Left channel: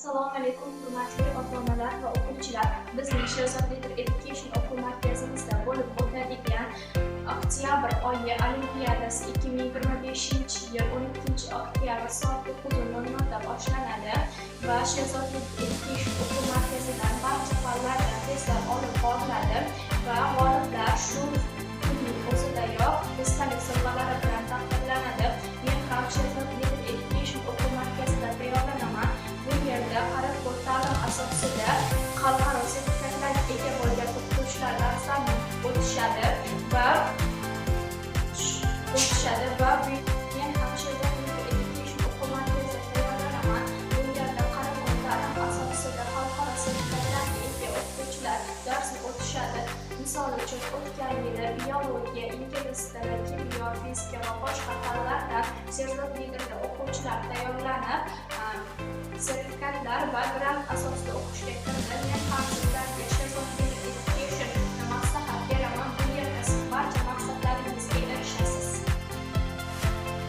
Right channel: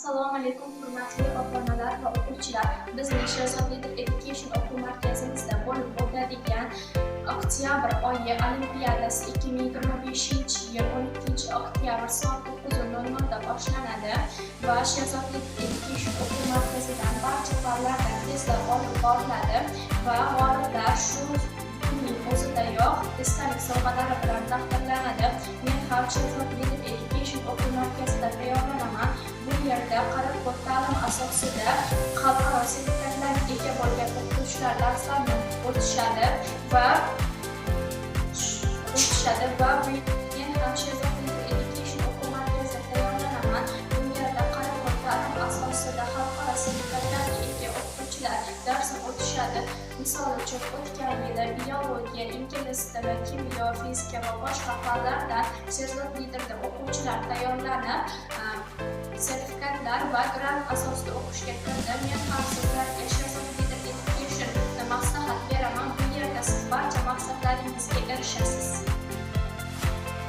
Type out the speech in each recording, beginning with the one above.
Assalomu alaykum, hurmatli ota-onalar va o'quvchilar. Bizning Sherzod Leader Education o'quv markazimizda bo'lib o'tadigan oktyabr oyi olimpiadasi 2025-yil 12-oktyabr soat 9:00 da boshlanadi va Sherzod Leader Education o'quv markazidan barcha fanlardan testlar olib boriladi va g'oliblar shu kunning o'zidayoq esdalik sovg'alari bilan taqdirlanadi. Men ham Sherzod Leader Education o'quv markazida tayyorlanaman. Bu yerda qaror ta'lim asosida xalqaro sertifikatlarga ega bo'lgan o'qituvchilar darslarni o'tishadi va men ham Sherzod Leader Education o'quv markazida tayyorlanaman. Bu yerda qaror ta'lim asosida xalqaro sertifikatlarga ega o'qituvchilar darsni o'tishadi. Misol uchun, o'tgan yili biologiya, ingliz tili, kimyo, fizika va boshqa fanlardan Sherzod Leaderda o'quvchilar tayyorlanib, sertifikatlar va grant asosida o'qishga kirdi. Men ham sizlarga Sherzod Leader Education'ni maslahat beraman. Bu yerda siz barcha maqsadlaringizga erishasiz.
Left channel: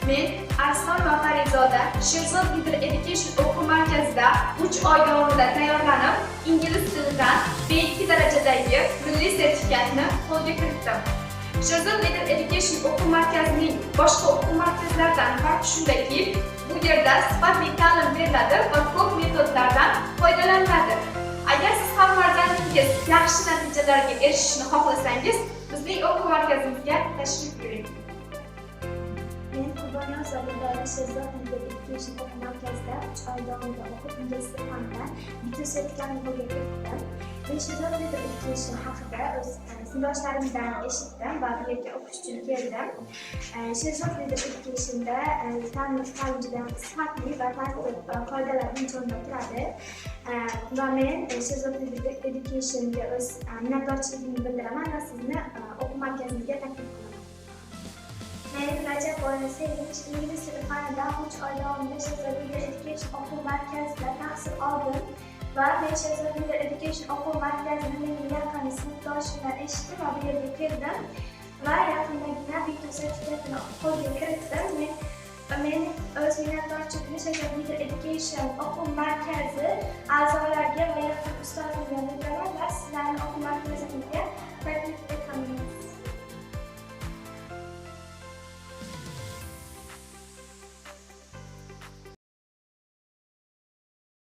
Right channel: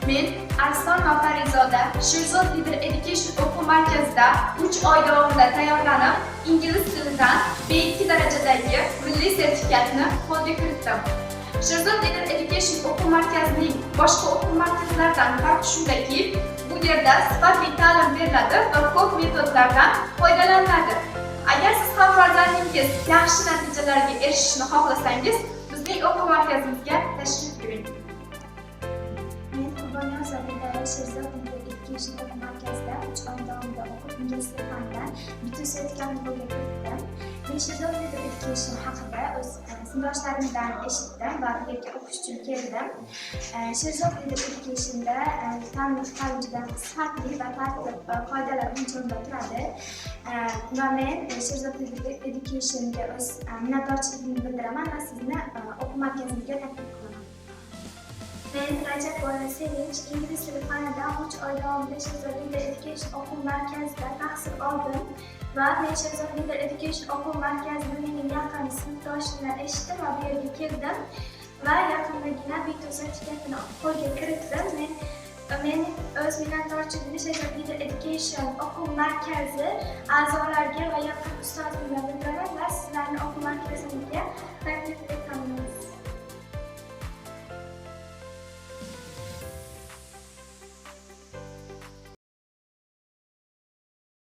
Men Arslon va Farizoda Sherzod Leader Education o'quv markazida 3 oy davomida tayyorlanib, ingliz tilidan B2 darajadagi milliy sertifikatni qo'lga kiritdim. Sherzod Leader Education o'quv markazining boshqa o'quv markazlaridan farqi shundaki, bu yerda sifatli ta'lim beriladi va ko'p metodlardan foydalaniladi. Agar siz ham farzandingiz yaxshi natijalarga erishishni xohlasangiz, bizning o'quv markazimizga tashrif buyuring. Men Qurbonjon Zobirova Sherzod Leader Education o'quv markazida 3 oy davomida o'qib, ingliz tili fanidan bitta sertifikatni qo'lga kiritdim. Men Sherzod Leader Education haqida o'z sinfdoshlarimdan eshitdim va bu yerga o'qish uchun keldim. Sherzod Leader Education'da ta'lim juda sifatli va tartib qoidalar birinchi o'rinda turadi. Va men Sherzod Leader Education'ga o'z minnatdorchiligimni bildiraman va sizni o'quv markazimizga taklif qilaman. Men Rajab Boyni Sevinch ingliz tili fanidan 3 oy davomida Sherzod Leader Education o'quv markazida tahsil oldim va men Sherzod Leader Education o'quv markazini mening yaqin sinfdoshimdan eshitdim va bu yerga keldim va yaqindagina bitta sertifikatni qo'lga kiritdim. Men o'z minnatdorchiligimni Sherzod Leader Education o'quv markazi a'zolariga va yaqin ustozimga bildiraman va